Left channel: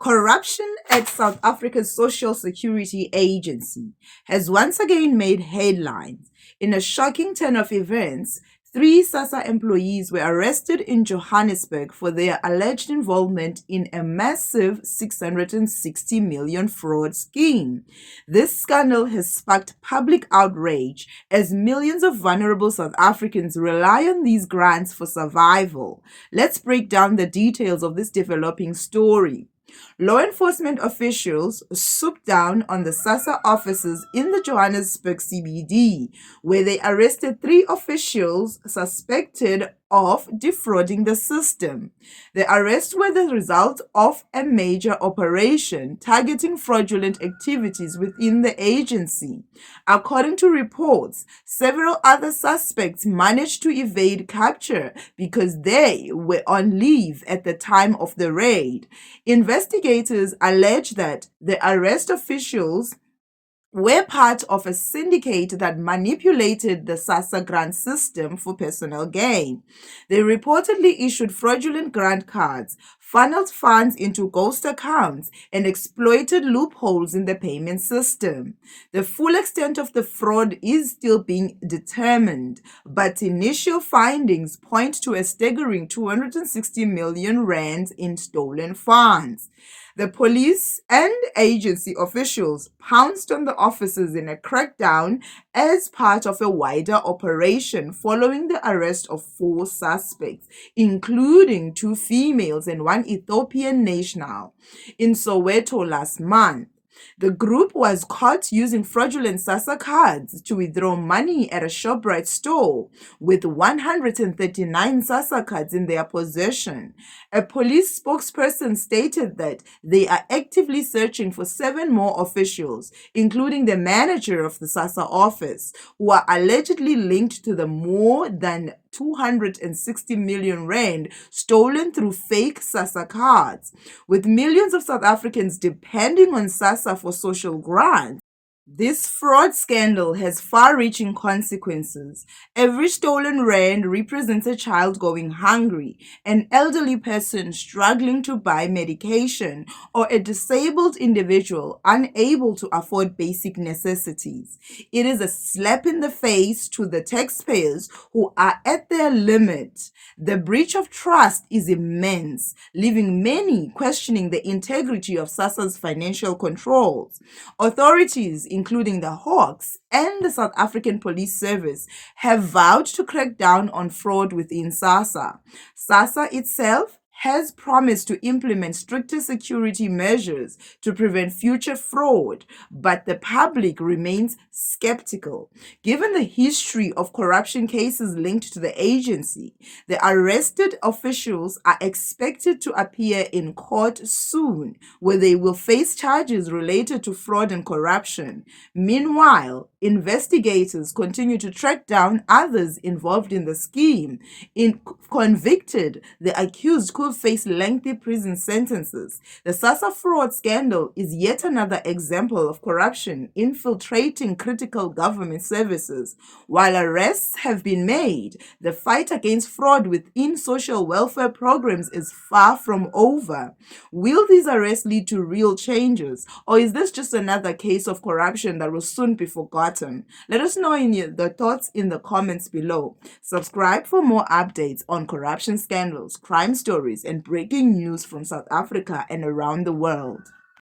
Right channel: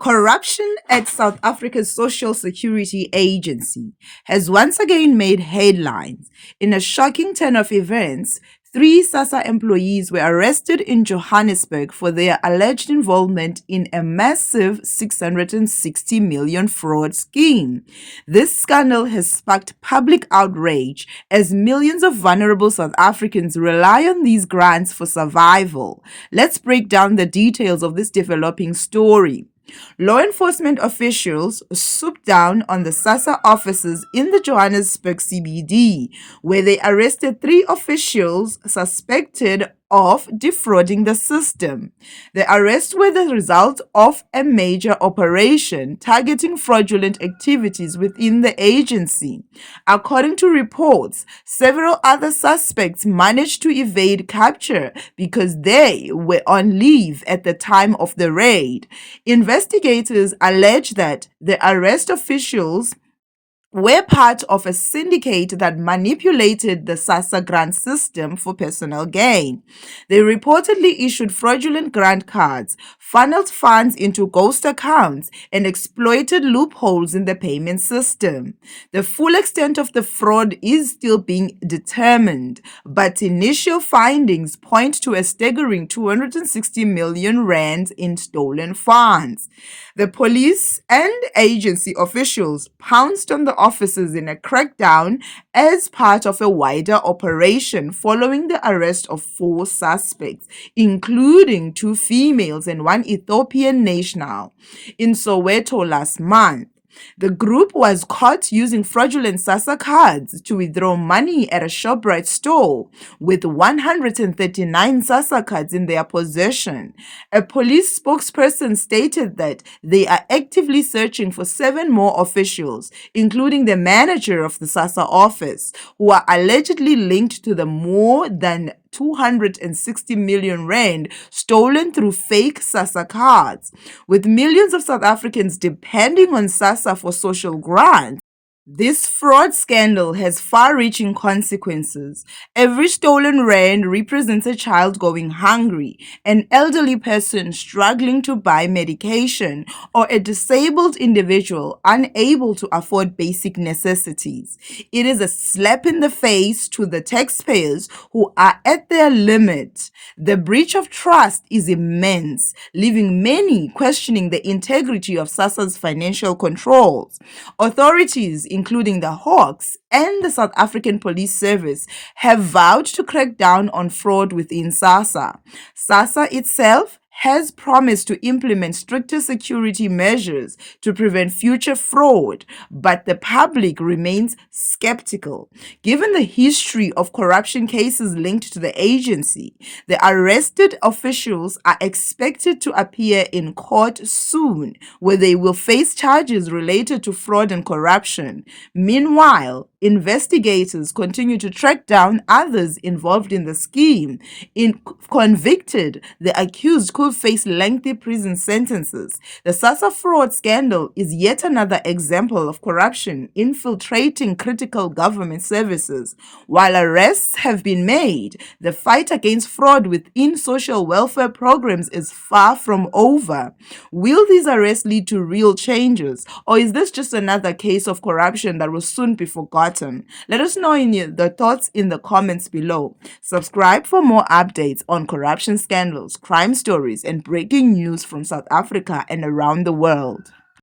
Corruption at South Africa's Social Security Agency has once again made headlines. In a shocking turn of events, three Sassa employees were arrested in Johannesburg for their alleged involvement in a massive 660 million fraud scheme. This scandal has sparked public outrage as millions of vulnerable South Africans rely on these grants for survival. Let's break down the details of this developing story. Law enforcement officials swooped down on the Sassa offices in the Johannesburg CBD, where they arrested three officials suspected of defrauding the system. The arrests were the result of a major operation targeting fraudulent activities within the agency. According to reports, several other suspects managed to evade capture because they were on leave at the time of the raid. Investigators allege that the arrest officials were part of a syndicate that manipulated the Sassa grant system for personal gain. They reportedly issued fraudulent grant cards, funneled funds into ghost accounts, and exploited loopholes in the payment system. The full extent of the fraud is still being determined, but initial findings point to a staggering 260 million rands in stolen funds. The police and agency officials pounced on the officers in a crackdown as part of a wider operation following the arrest of four suspects, including two females and one Ethiopian national, in Soweto last month. The group was caught using fraudulent Sassa cards to withdraw money at a ShopRite store, with 139 Sassa cards in their possession. A police spokesperson stated that they are actively searching for 7 more officials, including the manager of the Sassa office, who are allegedly linked to the more than 260 million rand stolen through fake Sassa cards. With millions of South Africans depending on Sassa for social grants, this fraud scandal has far-reaching consequences. Every stolen rand represents a child going hungry, an elderly person struggling to buy medication, or a disabled individual unable to afford basic necessities. It is a slap in the face to the taxpayers who are at their limit. The breach of trust is immense, leaving many questioning the integrity of Sassa's financial controls. Authorities, including the Hawks and the South African Police Service, have vowed to crack down on fraud within Sassa. Sassa itself has promised to implement stricter security measures to prevent future fraud, but the public remains skeptical. Given the history of corruption cases linked to the agency, the arrested officials are expected to appear in court soon, where they will face charges related to fraud and corruption. Meanwhile, investigators continue to track down others involved in the scheme. If convicted, the accused could face lengthy prison sentences. The Sassa fraud scandal is yet another example of corruption infiltrating critical government services. While arrests have been made, the fight against fraud within social welfare programs is far from over. Will these arrests lead to real changes, or is this just another case of corruption that will soon be forgotten? Let us know the thoughts in the comments below. Subscribe for more updates on corruption scandals, crime stories, and breaking news from South Africa and around the world.